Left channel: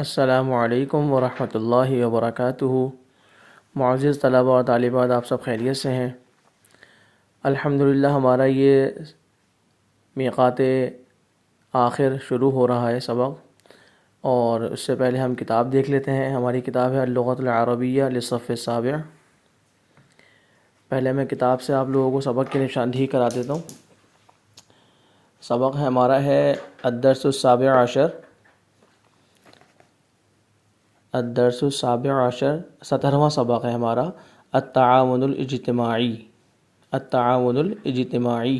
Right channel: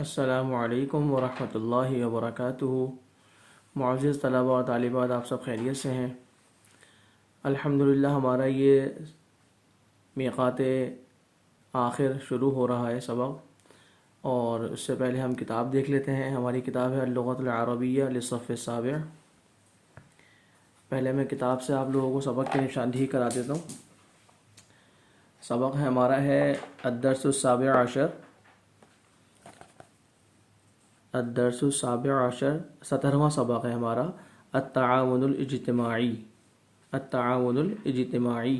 السلام علیکم ورحمۃ اللہ وبرکاتہ۔ معزز طلبہ اور طالبات، آپ سب خیریت سے ہیں؟ الحمدللہ ہمارا یہ میقات آخر شروع ہو رہا ہے سبق، اور اس سے پہلے ہم کتاب دیکھ لیتے ہیں۔ ہماری کتاب ہے اللغۃ العربیہ للصف السابع۔ پہلے میں کتاب سے آپ لوگوں کو سبق کی نشاندہی کرا دیتا ہوں۔ سبق ہمارا ہے الدرس السابع عشر، الدرس السابع عشر 17واں سبق ہے ہمارا، التعاون الاجتماعی۔ التعاون الاجتماعی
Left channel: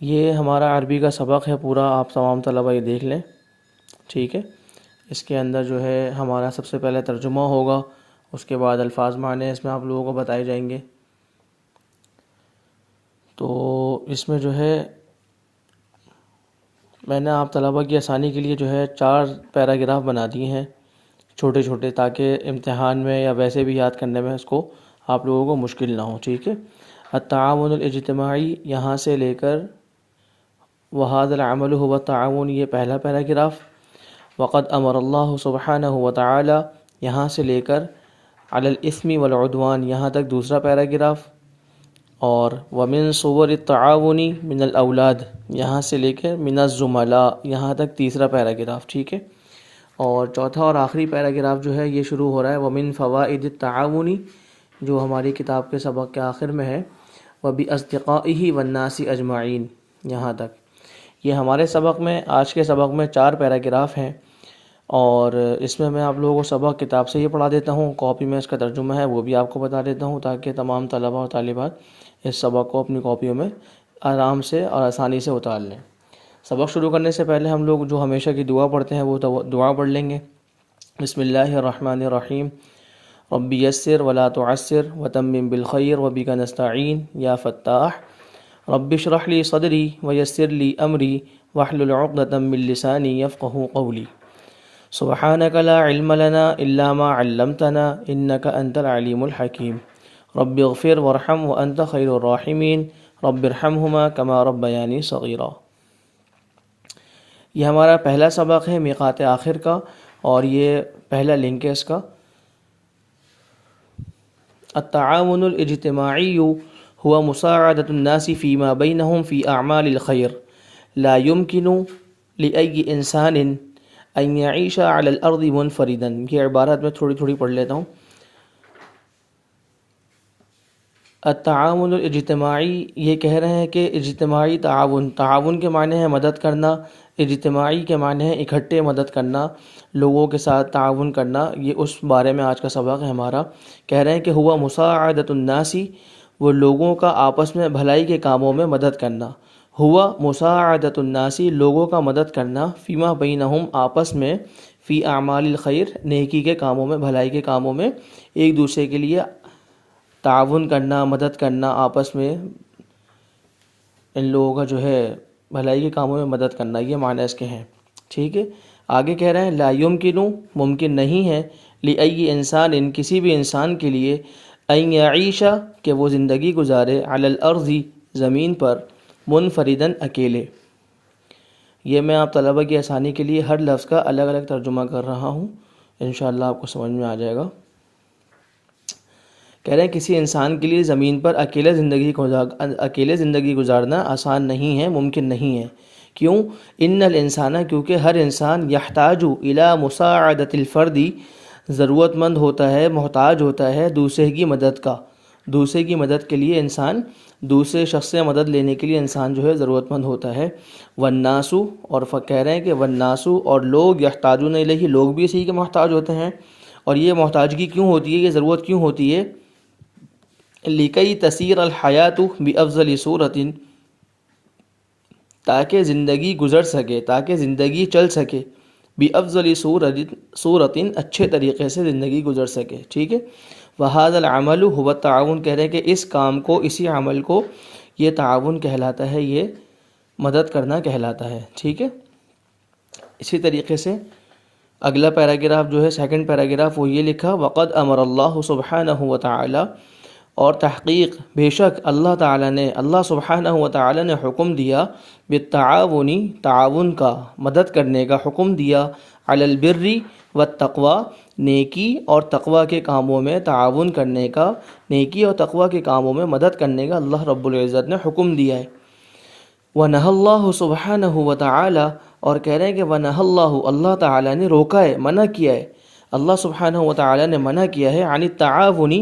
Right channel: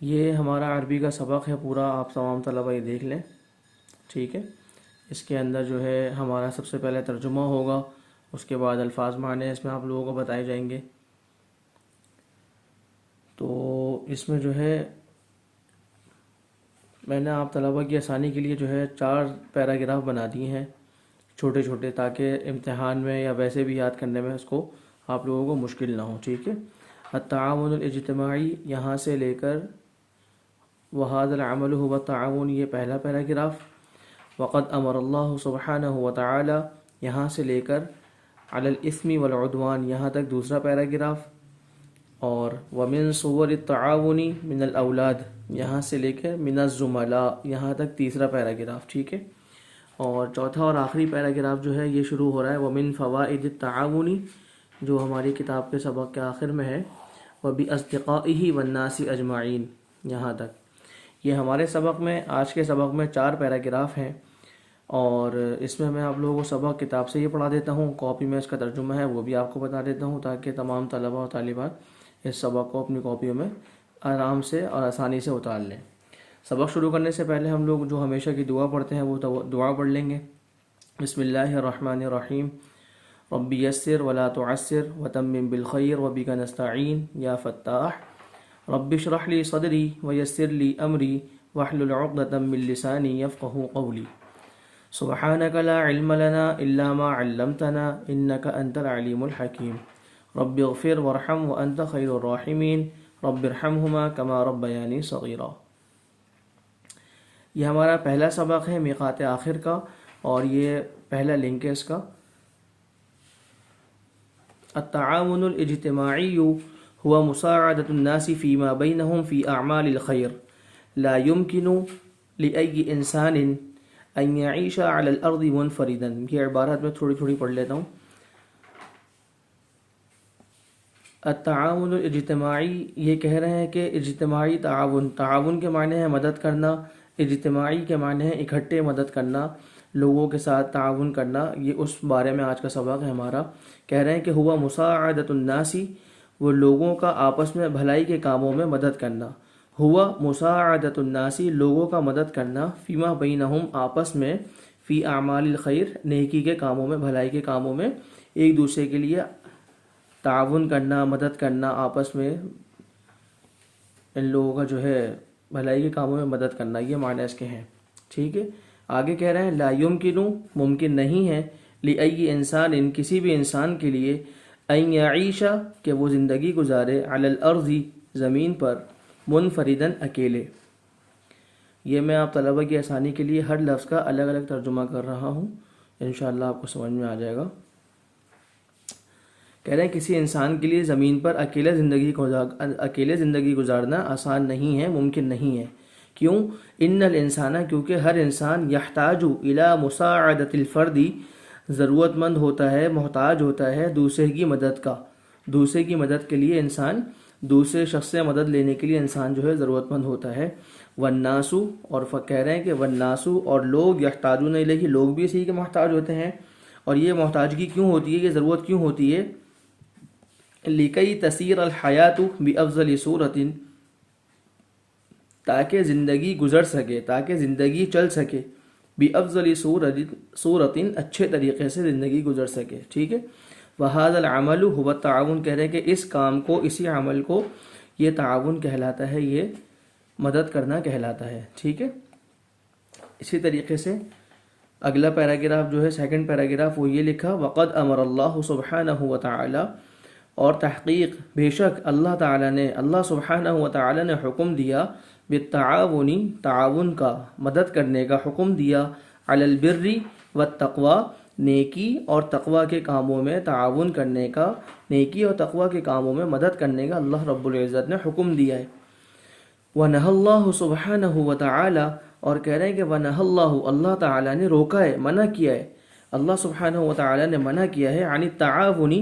یہ ہمارا عربی کا سبق ہے پورا، آپ تمام طلبہ یہ دیکھ لیں، ٹھیک ہے؟ اس کے اندر جو ہے ہمارا سب سے پہلے ترجمہ ہوگا، اس کے بعد الفاظ معنی اس میں آپ لوگوں کو بتائے جائیں گے۔ تو اس میں جو ہے میں نے آپ طلبہ کی آسانی کے لیے جو ہے 4 پیراگراف بنا دیے ہیں، چھوٹے چھوٹے، تاکہ امتحان میں یا ویسے بھی یاد کرنے میں اس کو آپ لوگوں کو مشکل نہ ہو، ٹھیک ہے؟ التعاون الاجتماعی یہاں سے لے کر وَهَذَا الْعَمَلُ هُوَ التَّعَاوُنُ یہ پہلا پیراگراف، وَقَدْ أَمَرَ اللَّهُ سُبْحَانَهُ وَتَعَالَى یہاں سے لے کر عَلَى الْإِثْمِ وَالْعُدْوَانِ یہاں تک دوسرا پیراگراف، اور وَمِن صُوَرِ التَّعَاوُنِ مِنَ الْأَوْلَادِ یہاں سے لے کر مِنَ الزُّمَلَاء یہاں تک تیسرا پیراگراف، ٹھیک ہے؟ اور چوتھا اور آخری پیراگراف جو ہے یہ شروع ہو رہا ہے وَمِن فَوَائِدِ التَّعَاوُنِ جو ہماری کتاب کے سبق کے آخر میں ہے، وَبِأَصْدِقَائِهِ وَالنَّاسِ أَجْمَعِينَ یہاں تک۔ یہ ہمارے سبق میں، آج کے سبق میں 4 پیراگراف ہیں، اور اس میں آپ لوگوں کو سبق کتاب سے یہ پڑھا دیتا ہوں، کاپی میں اس کا ترجمہ ہے وہ بھی آپ کو بتا دیتا ہوں، تاکہ تمام طلبہ اور طالبات اس سبق کو اپنی کاپیوں میں آرام سے اور آسانی سے اتار لیں۔ سبق شروع کرنے سے پہلے ہم لوگ جو ہمیشہ کی دعا پڑھتے ہیں وہ دعا پڑھ لیں گے۔ بسم اللہ الرحمن الرحیم، رب یسر ولا تعسر وتمم بالخیر وبک نستعین یا فتاح، رب اشرح لی صدری ویسر لی امری واحلل عقدۃ من لسانی یفقہوا قولی، سبحانک لا علم لنا الا ما علمتنا انک انت العلیم الحکیم، رب اغفر وارحم وانت خیر الراحمین، رب ارحمہما کما ربیانی صغیرا۔ یہ ہمارا پہلا سبق ہے میقات آخر کا، اور یہ پہلا لنک ہے اس کا۔ التعاون الاجتماعی هو مساعدة الناس فيما بينهم في أعمال الخير، لا يمكن لأي إنسان أن يعيش على الأرض منفردا۔ یہ عبارت میں تھوڑی تھوڑی پڑھ لیتا ہوں۔ التعاون الاجتماعی یہ کہہ رہے ہیں کہ اجتماعی تعاون، تعاون کے معنی ہے مدد کرنا، اجتماعی کے معنی ہے اکٹھے مدد کرنا، لوگوں کے ساتھ تعاون کرنا۔ یہ اس بارے میں آج کا سبق ہے ہمارا۔ کہہ رہے ہیں کہ ہوا مساعدۃ الناس وہ لوگوں کا آپس میں بھلائی کے کاموں میں مدد کرنا، ہوا مساعدۃ الناس لوگوں کا مدد کرنا، فیما بینہم آپس میں، فی اعمال الخیر نیکی کے کاموں میں، بھلائی کے کاموں میں ایک دوسرے کے لیے تعاون کرنا، مدد کرنا، آپس میں ان لوگوں کا جو ہے بھلائی کے کاموں میں مدد کرنا، یہ معنی اس کے ہیں، ٹھیک ہے؟ آگے کہہ رہے ہیں لا یمکن ممکن نہیں ہے، لأی انسان ان کسی بھی انسان کے لیے، ان یعیش کہ وہ زندگی گزارے، علی الارض زمین پر، منفردن اکیلے۔ یہ میں آپ طلبہ کی آسانی کے لیے ہر لفظ کا الگ الگ ترجمہ کر رہا ہوں، انشاءاللہ آپ کو سمجھ میں آ جائے گا۔ کہہ رہے ہیں کسی انسان کے لیے زمین پر اکیلے زندگی گزارنا آسان نہیں ہے، ممکن نہیں ہے۔ کیوں؟ ان الانسان کیونکہ ہر انسان یحتاج الی مساعدۃ الفرد ضرورت مند ہوتا ہے، محتاج ہوتا ہے دوسرے کی مدد کا، دوسرے کی مدد کے لیے انسان، دوسرے شخص سے مدد لینے کے لیے انسان جو ہے ضرورت مند ہوتا ہے۔ والناس اور کہہ رہے ہیں کہ والناس اور لوگ، یحتاجون الیہ لوگ بھی اسی کے محتاج ہوتے ہیں۔ اور یہ محتاجگی کیوں ہوتی ہے، یہ ضرورت کیوں ہوتی ہے؟ لکی تسیر الحیات بافضل صورت تاکہ زندگی گزر سکے، تاکہ زندگی چل سکے، بافضل صورت اچھے طریقے سے زندگی گزر سکے، ٹھیک ہے؟ وہذا العمل هو التعاون کہہ رہے ہیں کہ اس کام کو، اسی عمل کو یہ تعاون کہلاتا ہے، یہ مدد کرنا کہلاتا ہے، ٹھیک ہے؟ اسی طریقے سے اگلا پیراگراف جو ہے سیکنڈ پیراگراف وہ یہ لکھا وقد امر اللہ سبحانہ وتعالی اور تحقیق بے شک اللہ تعالیٰ نے، اللہ سبحانہ وتعالی نے حکم دیا بالتعاون تعاون کا، مدد کرنے کا حکم دیا، علی البر والتقوی، نیکی اور تقوی کے کاموں میں تعاون کرنے کا، نیکی اور تقوی کے کاموں میں مدد کرنے کا اللہ رب العزت نے حکم دیا ہے۔ وَنَهَى اللَّهُ سُبْحَانَهُ وَتَعَالَى، اور کہہ رہے ہیں کہ وَنَهَى اللَّهُ، اللہ تعالیٰ نے روکا ہے، منع کیا ہے، اللہ سبحانہ وتعالی نے منع کیا ہے عن التعاون،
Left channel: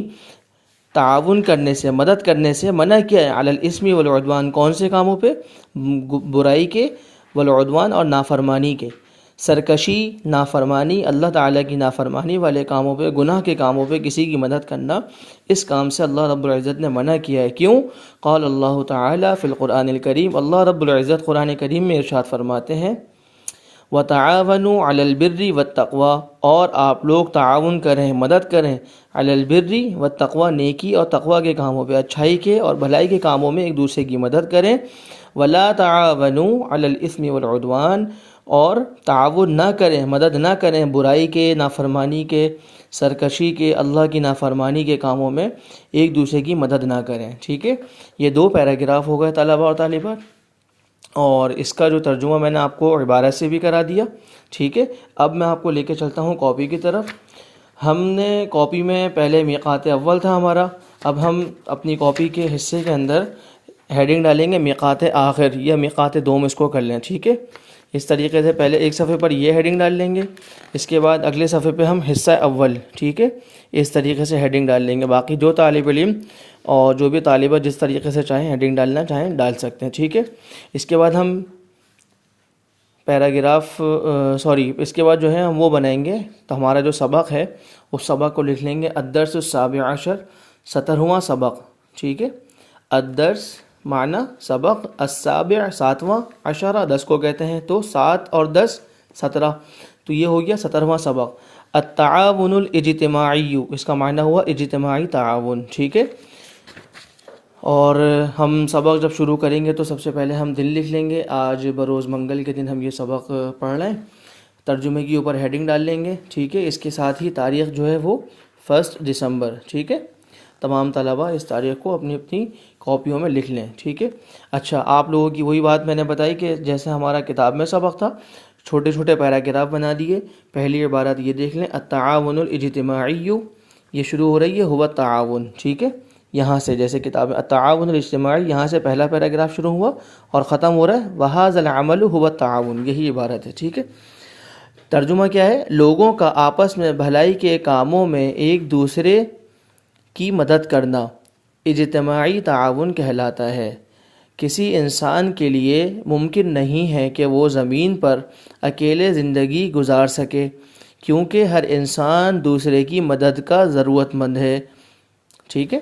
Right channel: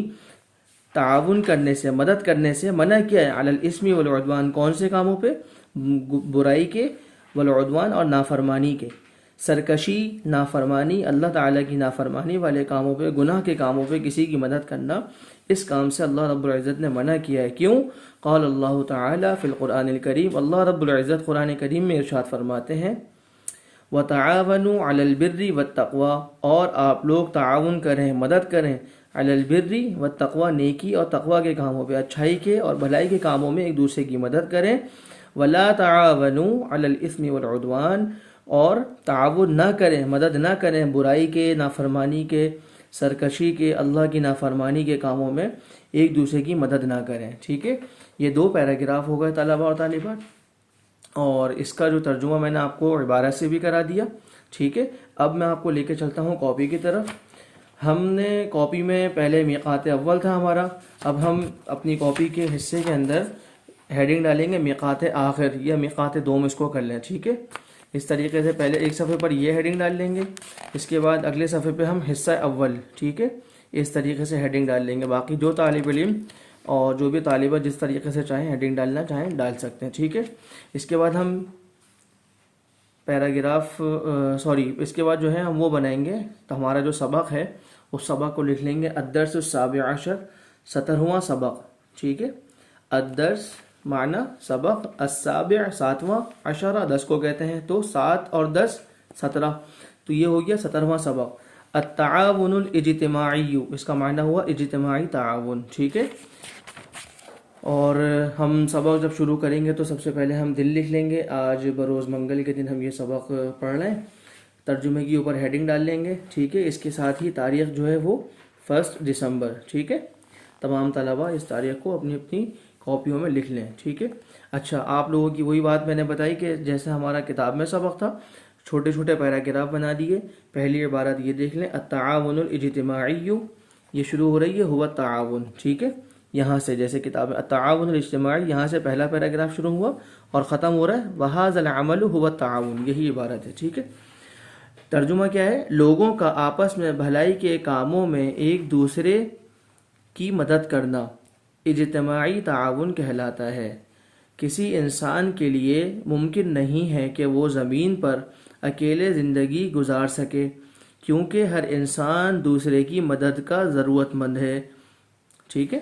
تعاون کرنے سے، مدد کرنے سے منع کیا ہے، علی الاسم والعدوان، کون سے کاموں پہ؟ برائی کے، والعدوان اور نافرمانی کے، سرکشی، نافرمانی، اللہ تعالیٰ کی نافرمانی والے کاموں پہ، گناہ کے کاموں پہ کسی کی مدد کرنا، اس کام سے اللہ رب العزت نے منع کیا ہے۔ کیوں؟ قال اللہ تعالیٰ فی القرآن الکریم، اللہ رب العزت قرآن کریم میں ارشاد فرماتے ہیں وَتَعَاوَنُوا عَلَى الْبِرِّ وَالتَّقْوَى، اور آپ لوگ تعاون کریں، مدد کریں، علی البر والتقوی، نیکی اور تقوی کے کاموں پہ، اچھائی کے اور بھلائی کے کاموں میں ایک دوسرے کی مدد کریں، وَلَا تَعَاوَنُوا عَلَى الْإِثْمِ وَالْعُدْوَانِ، اور تعاون نہ کریں، مدد نہ کریں برائی کے، نافرمانی کے، سرکشی کے، اللہ کی نافرمانی کے کاموں میں ایک دوسرے کی مدد نہ کریں۔ ٹھیک ہے، یہ 2 پیراگراف ہو گئے طلبہ اور طالبات، اور اس کا جو ترجمہ میں نے آپ کو عبارت سے بھی کرا دیا۔ ٹھیک ہے، اب میں آپ کو لے کے چلتا ہوں کاپی کی طرف۔ ہم نے کاپی میں پہلے میقات اول تھا ہمارا، اب ہم اپنی کاپی کے حصے کے اندر ہیڈنگ ڈالیں گے میقات آخر یا میقات دوم، اس کو کر لیں۔ ٹھیک ہے، اس طریقے سے پہلے ایک صفحے پر یہ ہیڈنگ ڈال لیں گے، اس کے بعد اگلے صفحے پہ ہم حصہ اول، ٹھیک ہے، اس طریقے سے ہیڈنگ ڈال لیں گے۔ باقی جو طالب علم اور جو بھی طالبہ جس طریقے سے چاہیں ہیڈنگ ڈالنا چاہیں ڈال سکتے ہیں۔ ٹھیک ہے، اس کے بعد ہم پیراگراف اس کے بعد جو ہے ہم وہ بنائیں گے، تو ہمارا جو سبق ہے اس سبق کو لکھ لیں گے الدرس السابع عشر، 17واں سبق۔ ٹھیک ہے، الدرس معنی سبق، السابع 7واں، عشرہ 10 کو کہتے ہیں، تو 7 اور 10 17، تو یہ ہو گیا 17واں سبق۔ التعاون الاجتماعی، اس کا معنی ہوا اجتماعی تعاون۔ ٹھیک ہے، اور ہم سبق جب شروع کریں گے تو سب سے پہلے ہم دن لکھ لیں گے، آج بروز منگل کے دن ہم یہ سبق پڑھ رہے ہیں، ترجمے کے اوپر ہیڈنگ ڈال لیں گے۔ ٹھیک ہے، اس کے ساتھ ہی تاریخ جو ہے وہ 1 دسمبر۔ ٹھیک ہے، تمام طلبہ اس تاریخ کو اپنی اپنی کاپیوں میں لکھ لیں۔ ٹھیک ہے، اچھا، آپ لوگوں کی وہی بات میں نے بتائی کہ جیسے ہمارا کتاب میں سبق تھا، چھوٹے چھوٹے پیراگراف بنا دیے۔ پہلی عبارت یہ دیکھ لیں، التعاون الاجتماعی، یہ شروع ہو رہی ہے ہوا تعاون۔ ٹھیک ہے، یہاں سے جیسے کتاب میں التعاون الاجتماعی، یہاں سے پہلا پیراگراف شروع ہوا اور ختم ہو رہا ہے وَهَذَا الْعَمَلُ هُوَ التَّعَاوُنُ، یہی عبارت ہے۔ ٹھیک ہے، ترجمہ کیا ہے؟ لوگوں کا آپس میں بھلائی کے کاموں میں ایک دوسرے کی مدد کرنا اجتماعی تعاون کہلاتا ہے۔ کسی انسان کے لیے ممکن نہیں ہے کہ وہ زمین پر اکیلے زندگی گزار سکے، کیونکہ ہر انسان دوسرے کی مدد کا ضرورت مند ہے۔ ٹھیک ہے،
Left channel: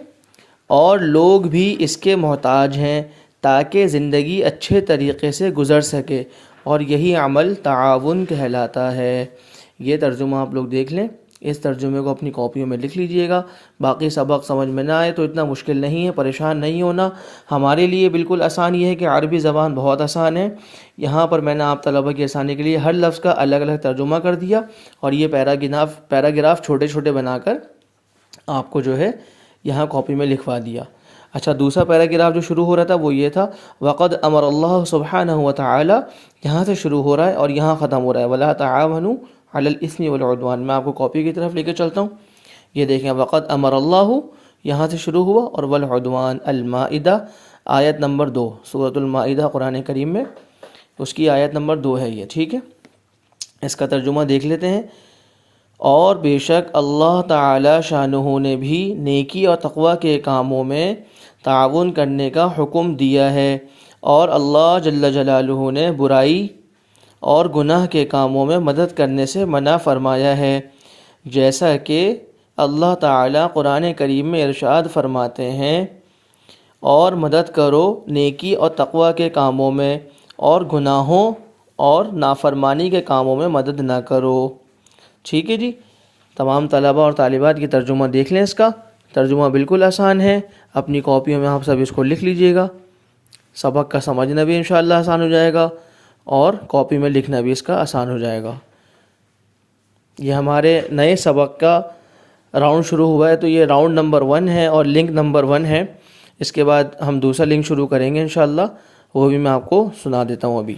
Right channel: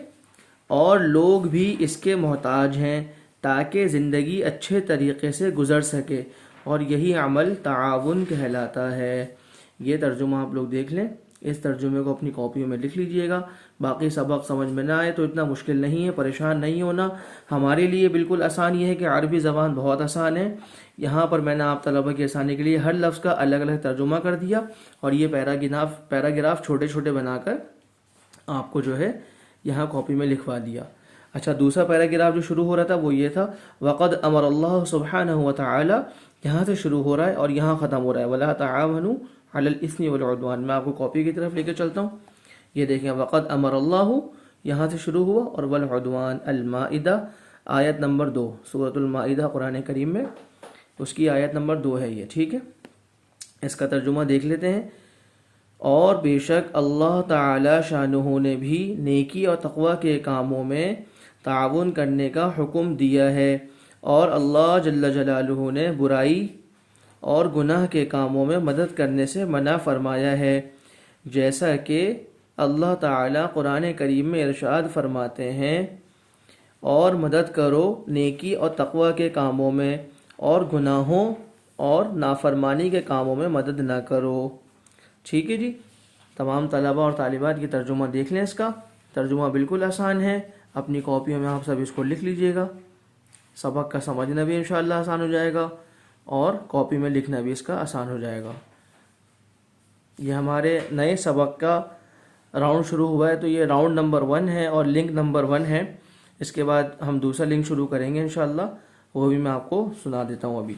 اور لوگ بھی اس کے محتاج ہیں تاکہ زندگی اچھے طریقے سے گزر سکے، اور یہی عمل تعاون کہلاتا ہے۔ یہ ترجمہ آپ لوگ دیکھ لیں، اس ترجمے کو اپنی کاپیوں میں لکھ لیجئے گا۔ باقی سبق سمجھ میں نہ آئے تو اتنا مشکل نہیں ہے، پریشان نہیں ہونا، ہمارے لیے بالکل آسان یہ ہے کہ عربی زبان بہت آسان ہے۔ یہاں پر میں نے آپ طلبہ کی آسانی کے لیے ہر لفظ کا الگ الگ ترجمہ کر دیا، اور یہ پیراگراف چھوٹے چھوٹے بنا کر آپ کو جو ہے یہاں کاپی میں لکھوا دیا۔ اچھا، دوسرا پیراگراف جو شروع ہو رہا تھا وہ یہ تھا وَقَدْ أَمَرَ اللَّهُ سُبْحَانَهُ وَتَعَالَى، یہاں سے شروع ہو رہا ہے اور یہاں ختم ہو رہا ہے وَلَا تَعَاوَنُوا عَلَى الْإِثْمِ وَالْعُدْوَانِ۔ میں آپ کو کاپی کی طرف لے کے چلتا ہوں، یہ دیکھیں وَقَدْ أَمَرَ اللَّهُ یہاں سے شروع ہوا، اور وَالْعُدْوَانِ المائدہ آیت نمبر 2، سورۃ المائدہ قرآن کریم میں اس کی آیت نمبر 2 ہے یہ۔ ٹھیک ہے، اس کا ترجمہ دیکھ لیتے ہیں۔ اور بے شک اللہ تعالی شانہ نے بھی نیکی اور تقوی کے کاموں میں تعاون کرنے کا حکم دیا ہے، اور اللہ جل جلالہ نے برائی اور گناہ کے کاموں میں مدد کرنے سے منع فرمایا ہے، جیسا کہ اللہ تعالی قرآن کریم میں ارشاد فرماتے ہیں اور مدد کرو نیکی اور تقوی کے کاموں میں، اور گناہوں اور نافرمانی کے کاموں میں مدد نہ کرو۔ ٹھیک ہے جی، تمام طلبہ اور طالبات کی ترجمہ دیکھ لیں، اس کا ترجمہ بالکل آسان ہے، اپنی کاپیوں میں آپ سب اس کو لکھ لیجئے گا، سبق کا سمجھنا بھی انشاءاللہ آسان ہو جائے گا، اور کاپی میں لکھنا بھی اس کا آسان ہو جائے گا۔ یہ ہمارے نئے سبق کا راؤنڈ شروع ہوا ہے، تو یہ راؤنڈ نمبر 1 ہے اور لنک نمبر 1 ہے۔ اس کے بعد ہم دوسرا لنک شروع کریں گے انشاءاللہ، وہ بھی میں آپ کو سنا دیتا ہوں ابھی۔